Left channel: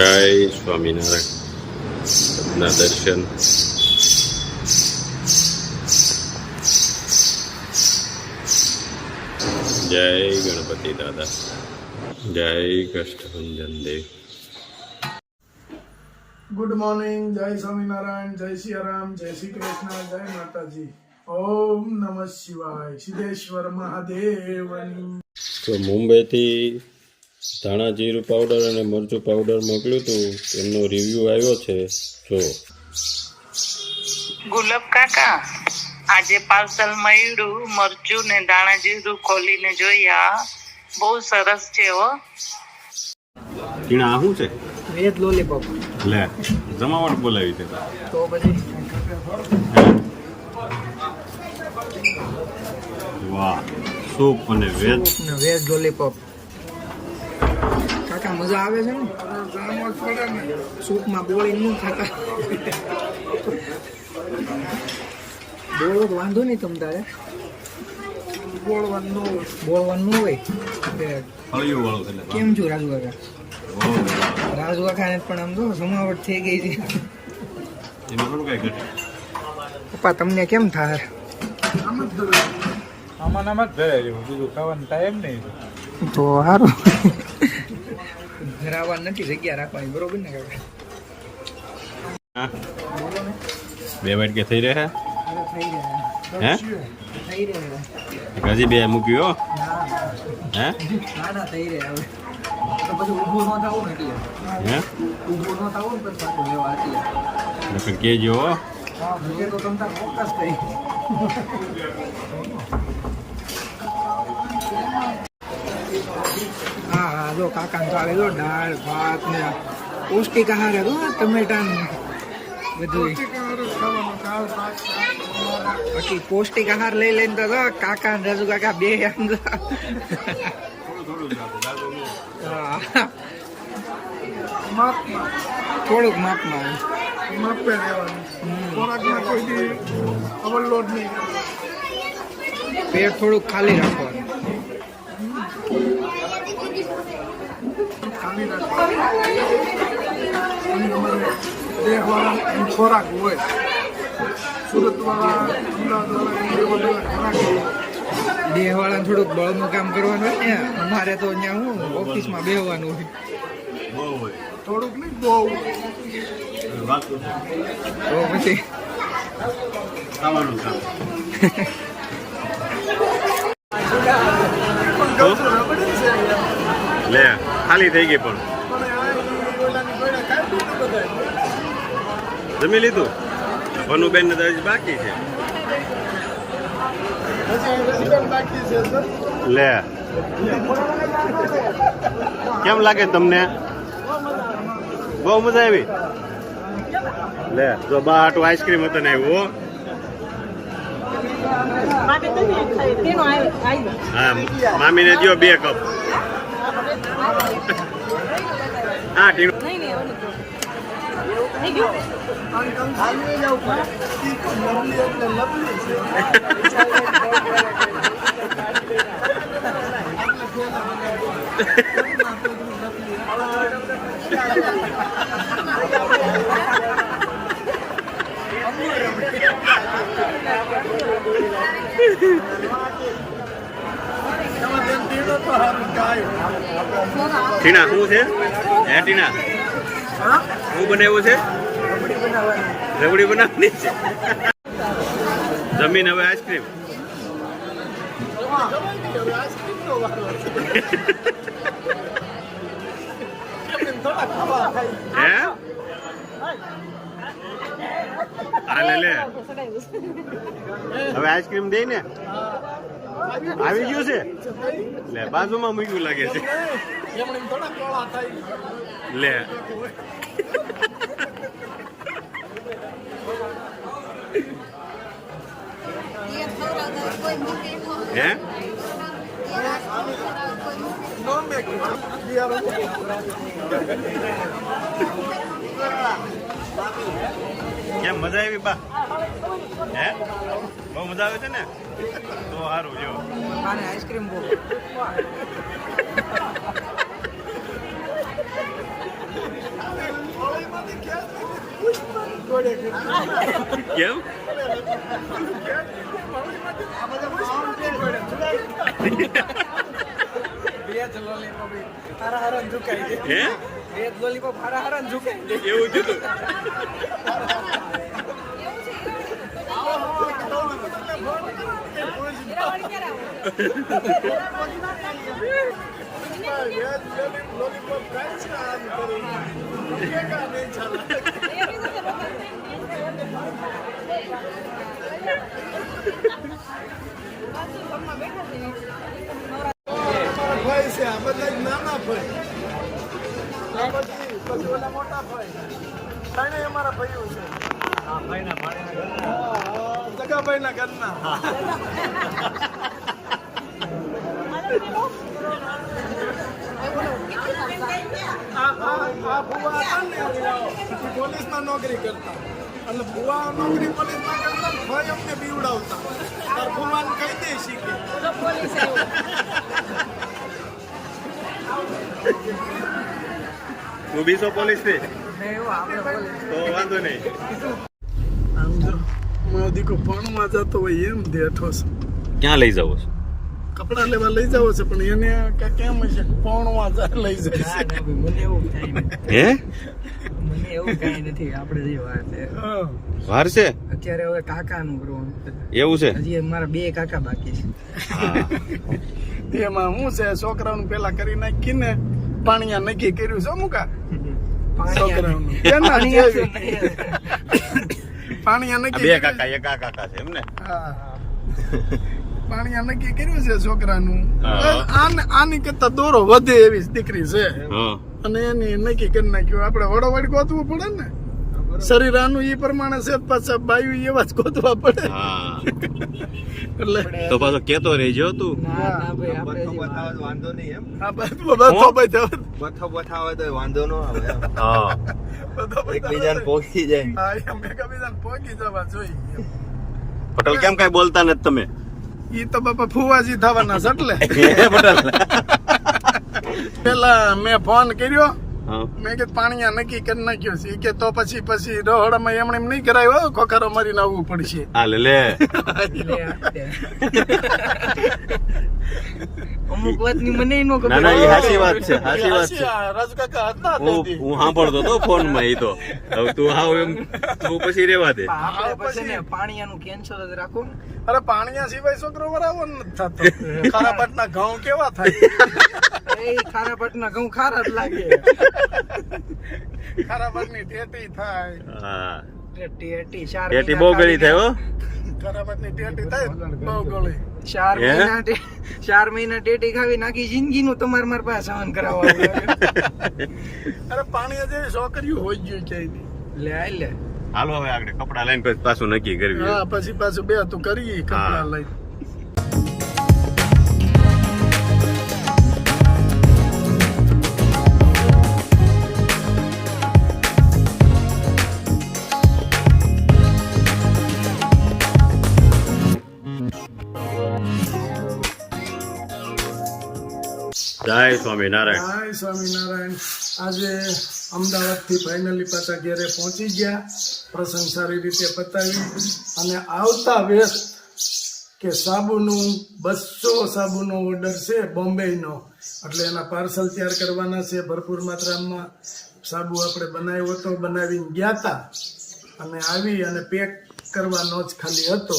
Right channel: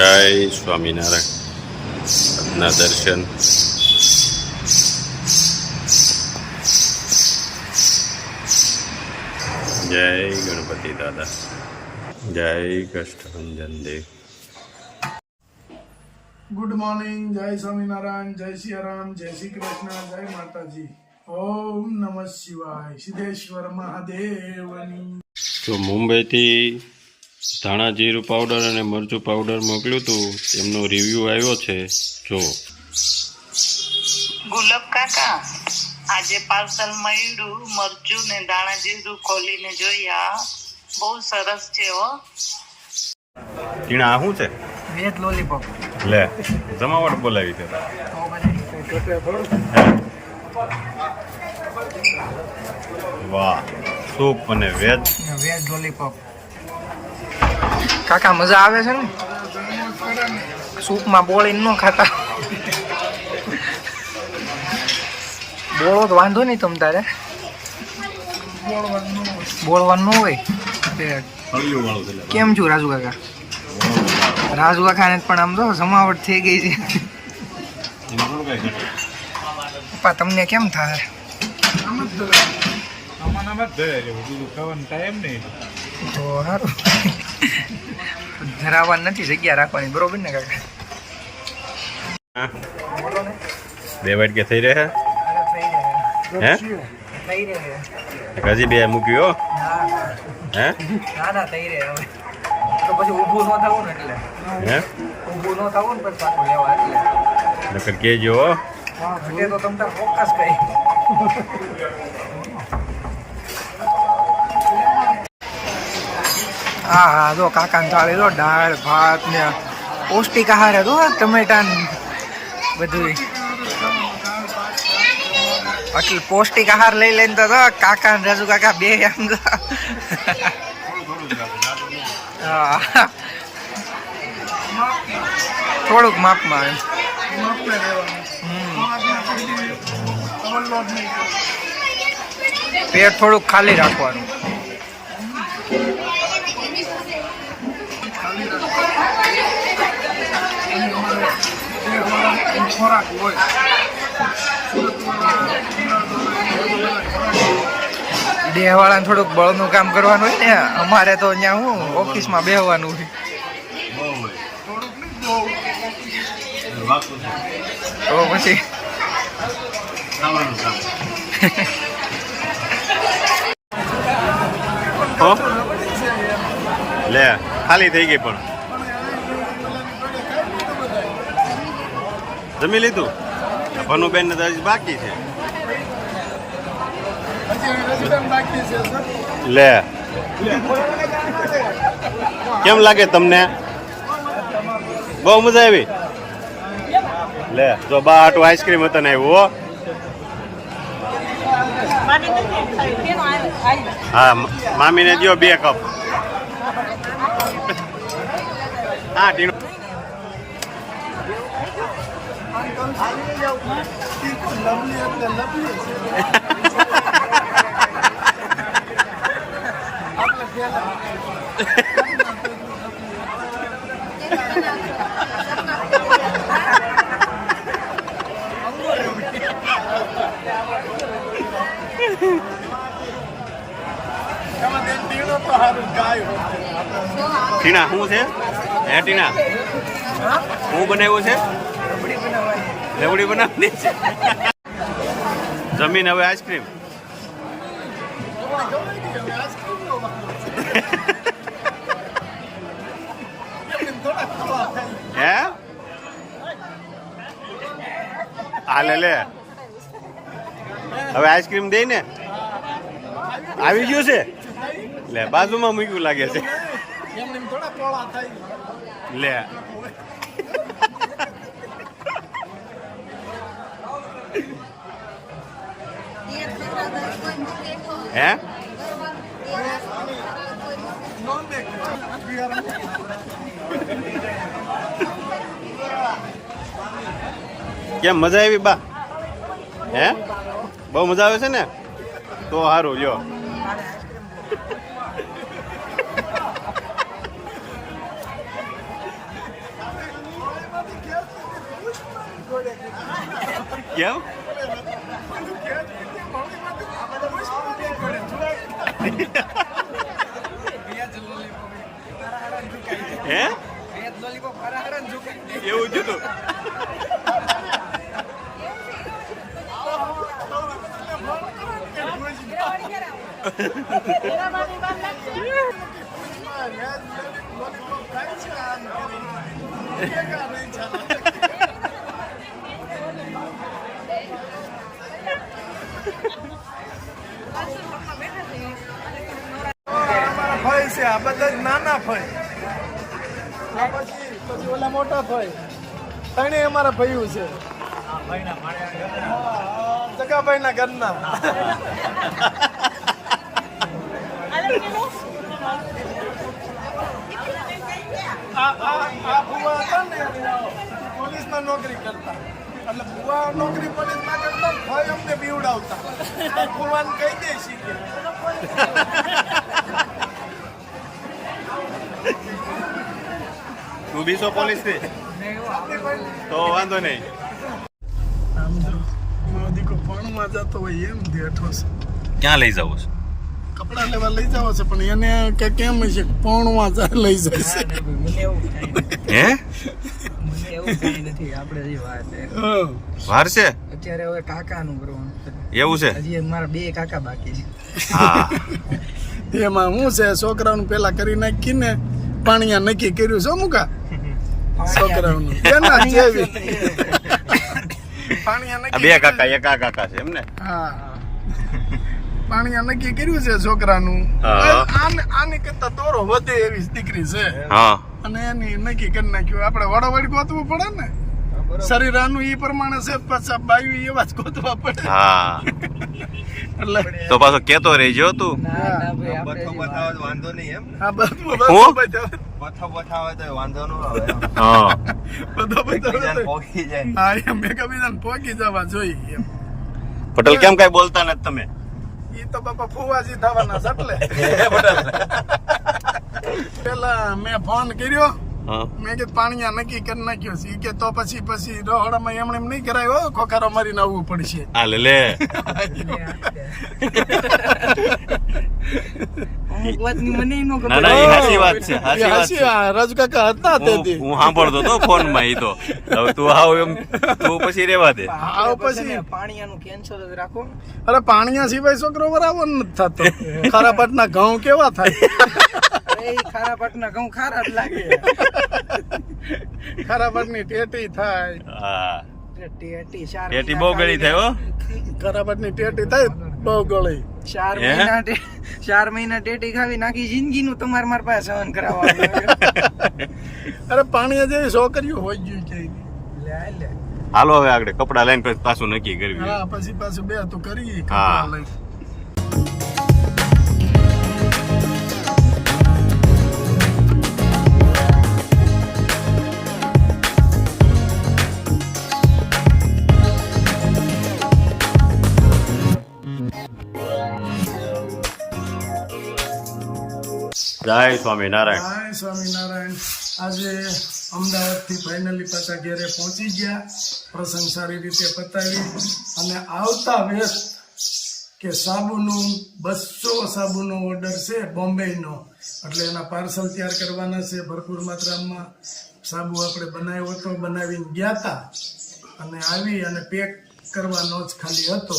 જય સ્વામિનારાયણ. આજના દર્શન જય ગણપતિ દાદા, જય કષ્ટભંજન દેવ. ગુડ મોર્નિંગ, જય સ્વામિનારાયણ, જય સિયારામ, જય શ્રી કૃષ્ણ, જય માતાજી. ઓમ નમઃ શિવાય. સિદ્ધેશ્વર મહાદેવની. તો મુંબઈથી ધાણા જીરું પાવડર અને મરચું પાવડર મોકલ્યું હતું, તેમનો રિવ્યુ આવ્યો છે. જો ગુલાબ કાકા, આજે પાર્સલ મળ્યું મરચું ને દાણા જીરું ખોલીને જોયા, બહુ સરસ છે હો. ટીણા આ શું છે? Veg lollipop. લે, જમાવટ બોલાવી છે તો પછી વાહ, સૂપ અને વેજ લોલીપોપ. કાકા મજા આવે છે ને? સૂપમાં બોળીને ન ખાતા. બોળો તો વાંધો નહીં તમ તારે, બોળવાનું ન હોય. કેમ છું રાજુ કાકા? રાજુ કાકાને પણ આમ તો જમાવટ થઈ ગઈ છે. પપ્પા તમને કેમ થાય? તો સારું, ધરાવવાનું નથી, જગ્યા રાખવાની, બરોબર ને કાકા? બોલો ને. બે વાટકે થઈ રહે હે? થઈ રહે હજી બે મૂક્યું હે? ના થઈ રહે. હવે તો પછી ઊભું ન થવું ને, એટલે હે ઊભું ન થવું ને પછી પાછું લેવા, એટલે નકર કેજો. ઘટે તો તમ તાર ફોકસ કરી. હા, જો કાકાને ચાલે જો દાળ ભાત ને પૌષ્ટિક આહાર હતો, ટમેટા ને બધું. એટલે પૌષ્ટિક આહાર લઈ લઈને તો કાકા ને રાજુ કાકા બે આમ તો થોડુંક માપમાં એમ. પેટ થોડુંક ખાલી રાખવાનું. ખોરાક હોય દેહવાળાને થોડુંક બળનું કામ કરવાનું હોય ને, અમારે તો અહીંયા હું ઓફિસમાં બેહવાનું હોય. તો પછી લે, ખાલી થઈ ગઈ. પણ જમી લીધું? ભનુબેન ને હજી બાકી છે. લે, કેમ લાગે તમને? બહુ મજા આવી. લે, જો બા હાટું આઈસ્ક્રીમ હતા ને આવ્યું. હા, મામીને દો 2 કપ. હા, ટીણું ટીણા શું છે? હે ટીણા, હું બનાવ્યું છે? રબડી બનાવવાની છે. જમીન હવે આઈસ્ક્રીમ. હે હાલે લે, હવે આઈસ્ક્રીમ દઈ ને. આવી ગયું છે? લે, બાજુમાં મૂક્યું લાગે છે. લે, હે કેમ મજા આવી બા? હે બહુ મજા આવે છે ને? તો સારું જો. કેમ હે એવું કીધું લોલીપોપ ખાય છે આમ કરી નહીં ચાલે અમારા ભાઈ છે આ બધા જ નાના ભાઈ આ પછી ઓલા મોટા ભાઈ ત્રણેય અમારા ભાઈઓ છે સગાભાઈ ના ઘરના આ ભુવા હતા ને એ પોલીસમાં નોકરી કરતા એટલે ભુવા નોકરી પોલીસમાં કરતા ભાઈ અમને બીવડાવતા તાર ભુવાને કહી દે શીખે તું બીસો પોલીસ થી તો વાંધો નહીં આમ જો મારો દીકરો ભણવા જતો હોય એમ દેઠો છે ક્યાં લઈ જાવ છો કપડા લેવા લઈ જાવ છે પણ એને કે કેમ છે ભણવા લઈ જાય છે મને એવું કઈ નથી હે મને એવું કઈ નથી આપણે જે વાત છે હા. વાર છે અત્યારે હવે કાકાનું કરવાનું છે. એવું છે હજી મારા 2 કાકા બાકી છે. હા એમાં હું છે છોકરાઓને પેલા કરી નાખીને પાણીયા નક્કી કર્યું છે મુકા છોકરાઓનું કેના જેવી પાણીયા આ નક્કી બે કર્યું. કાકા એક આ કાકા છે એમ ને હા પાણીયા નક્કી કર્યું છે છોકરાનું હા. આની કરતા દોરો વધે એવી દીકરી છે હા અને એની નક્કી કરી નાખ્યું આપણે વડોવડી ગોતવું પડે ને શરીર આનું ઈ પ્રમાણે છે પાછા બાયું એવા જ ગોતવા પડે હા એટલે તો પાછો કેતો રહેજો તું ના ના ભાઈ આપણે જે વાત વાંધો નહીં એમ આ બધું હું? બથાવે તો વાંધો ન આવે એમ. હા એકબીજાને પહોંચી જાય હા એમ એકબીજાને પહોંચી જવા જોઈએ એમ. પટેલ કેમ કઈ બોલતા નથી તમે ઈ તો બાપા ફુવાજી થવાના છે એટલે પેલા મેં ફોન કર્યો હા મેં કીધું પાણીયા નક્કી કરી નાખ્યો છે ઈ કે તો પછી રોહડામાં એમણે એમ નહીં કરાયો ખોખારો મારીને આવવું પડશે આ લે લે અમુક વાતની મને નો ખબર. ના ના એ હાચી વાત છે હાચી વાત છે રાજુ કાકા હતા હું તેથી હું સાંભળતો તો ફોન માં ઈ તો હવે તું આવ એમ તું પછી રેવા દે આપણે પછી- પછી ને પાણીયાનું કેન્સલ જ રાખો ને. અરે પાણીયા સિવાય છોકરો બરાબર નથી થતો ખારા પટના ઘઉં કેવા થાય અરે ઈ ખારા પાટના ઘઉં ખારા જ લાગે. ખારા પટની ટેટી થાય હા ટેટી 4 ટેટી બહુ ગળી થાય હો ખારા પટની ટેટી થાય બહુ ગળી 4 હે? મહિના 4 મહિના ટેટી ખાવી નાખી જિંદગીનું તમારે મારા પાસે સહન કરાવવા અરે પાણીયા જેવી છોકરીઓ હોય ગયું ક્યાંય લે આ લે હાલો હવે આગળ કપડા લઈને પછી પાછું નક્કી કરવી હા પછી પાછું બે તું કરીએ કપડા લઈ જય સ્વામિનારાયણ જય સ્વામિનારાયણ આજે અમદાવાદથી ફાઇનલી પાછા ઘેરે પહોંચી ગયા પ્રસંગ સારી રીતે પતાવી અને આવતા વેત કે સાબુનું 200 સાબુનો ઓર્ડર છે બોમ્બેનો એટલે એના પાર્સલ તૈયાર કરવાના છે ભરપૂર માત્રામાં સાબુ આપણે બનાવ્યો હતો બનાવીને ગયા હતા અને આવી અને પેક કરવાનો જ ખાલી હતો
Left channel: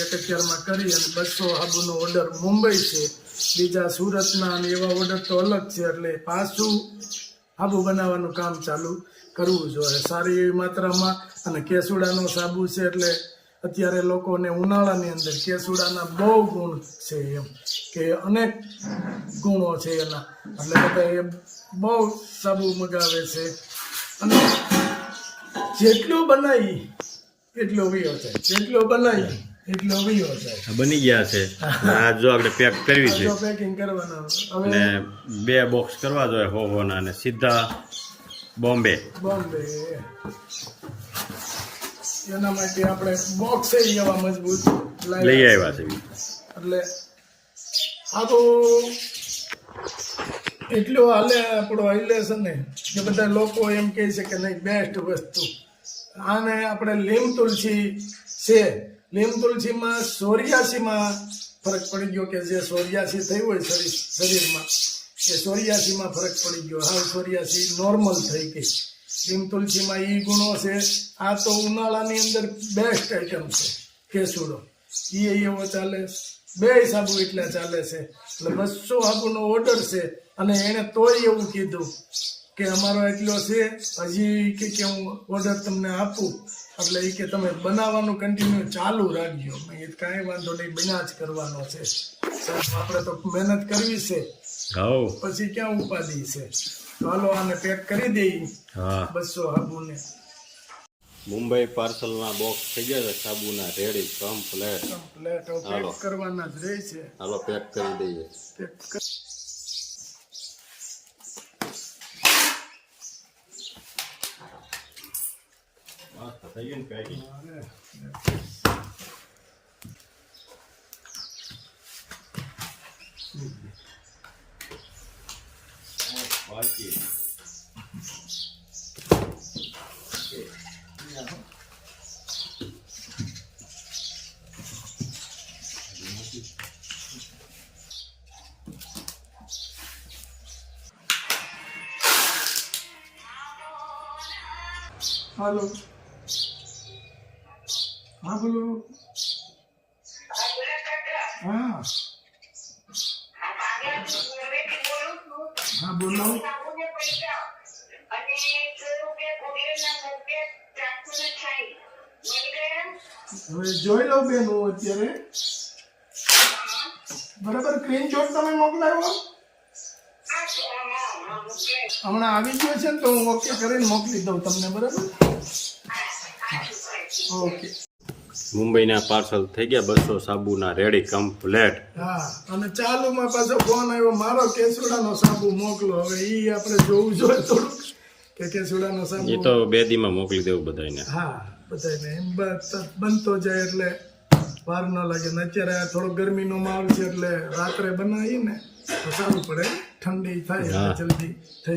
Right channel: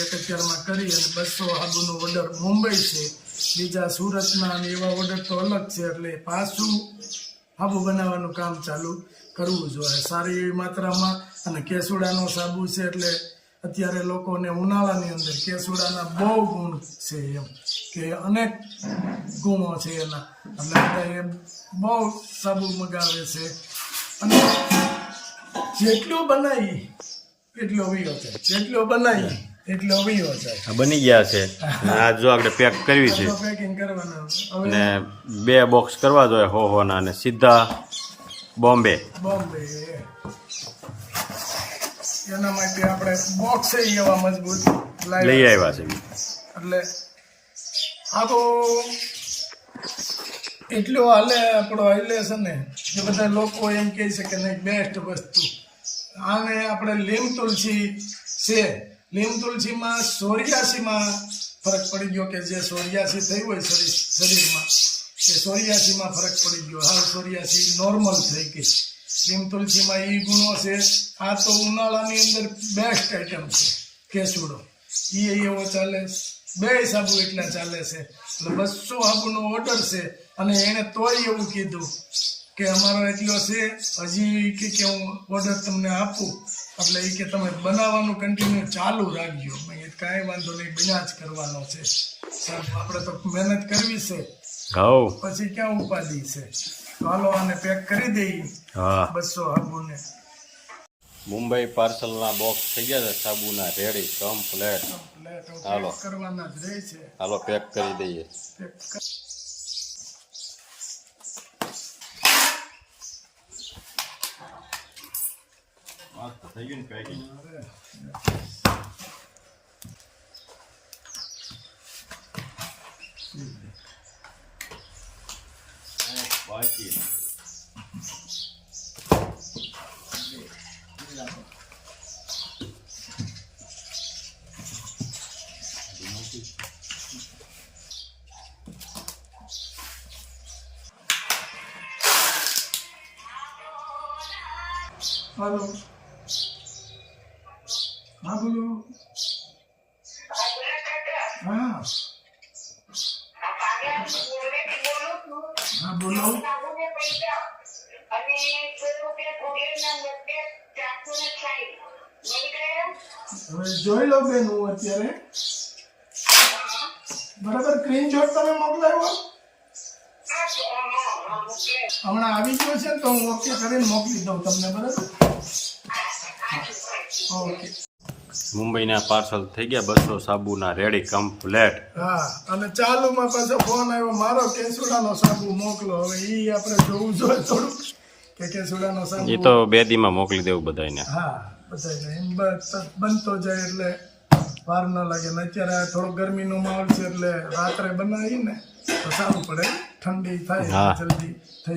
એક અત્યારમાં કરી અને 200 સાબુનો ઓર્ડર મુંબઈ છે બીજા સુરતના અને એવા ઓર્ડર તો અલગ છે એટલે પાછું સાબુ બનાવવાનું કામ ચાલુ કરવું જોઈએ સારી એવી માત્રામાં અને કેસુડાનો સાબુ છે એટલે અત્યારે લોકોને ઉનાળાની અંદર કેસુડાના બહુ ગુણ છે એમ કે અનેક ગુણો છે એના એટલે બધા એ બહુ સાબુ મગાવે છે અને જેટલો બનાવી એટલો વીયો જાય જેટલો બનાવી એટલો વીયો જાય આ બની ગયા છે ને આ જો આગળ પેક કરવી છે પેકિંગ કરવાના હવે ને 2 બોક્સ કરવા જોઈએ હો ના ને સીધા બોમ્બે બોમ્બે એના માટે આપણે બોક્સ એવા મજબૂત લઈ આવ્યા છે એટલે આખું એટલું હાલે આપણો હાલે છે ને કે બધા લોકો એમ કહે છે કે નહીં બેસ્ટ વસ્તુ આને આપણે લીમ તુલસી છે. લીમ તુલસીમાં સોરિયાસીમાં ફરક પડી ગયો, કે જે સોરિયાસી થઈ હોય શરીરમાં એ સોરિયાસીમાં ફરક પડી ગયો, હાલ સોરિયાસી નોર્મલ થઈ ગઈ. લીમ તુલસીમાં ઈ ગુણો છે. આ તો ઉનાળાની અંદર બેસ્ટ આઈટમ છે કેસુડો, એ એવો ચાલે. 2 સાબુ એટલા ચાલે છે. એટલે 200 સાબુનો ઓર્ડર છે. અને એણે તોય એવું કીધું કે અમારો એટલો છે, હજી કે હું ઓર્ડર તમને આપું, એટલે એ કે તમે બનાવવાનું કન્ટિન્યુ ચાલુ રાખજો. મેં કીધું કાંઈ વાંધો નહીં, બના જ કરવાનો છે સાહેબ, આપણે તો મહેનત કરવી છે, હવ પછી ક્યાં ઉપાધિ છે. તો હાલો આને પેક કરી દઈએ હા 200 સાબુને. મુંબઈ પાર્સલના બોક્સ થઈ ગયા છે સાબુના રેડી કમ્પ્લેટ. પ્લેટ હાલો. કરવાના જ રહે છે. હાલો પેક કરી દઈએ. પેક થઈ ગયું પેકિંગ. બાકી હાલો, હા બોલો. હા હા બોલો. હવે જોઈ લો બેન, હું અત્યારે બરાબર સ્ક્રીનશોટ તમે મોકલાવ્યો, હમણાં આવી ગયો છે ને, તો હું ઓકે કરીને મોકલી દઉં તમને. બરાબર, ઓકે. મુંબઈના પાર્સલ થઈ ગયા 200 સાબુના રેડી કમ્પ્લેટ. હા, અને ચાલુમાં પાછો ફોન આવ્યો મારો, કેસુડાનો સાબુ મોકલો. હવે ઈ આપણે જોવું જોઈએ થોડુંક કે કેસુડાનો સાબુ. એ તો 2 દીમાં મોકલી દેવું બધાને. હા, બધાને એમ બનતો જાય એટલે વાર ન લાગે. ને અત્યારે થોડો ગરમીનો માહોલ છે, એટલે રાત્રે બનાવીએ ને તો સારું પડે, ઠંડી થાય હા. જલ્દી થઈ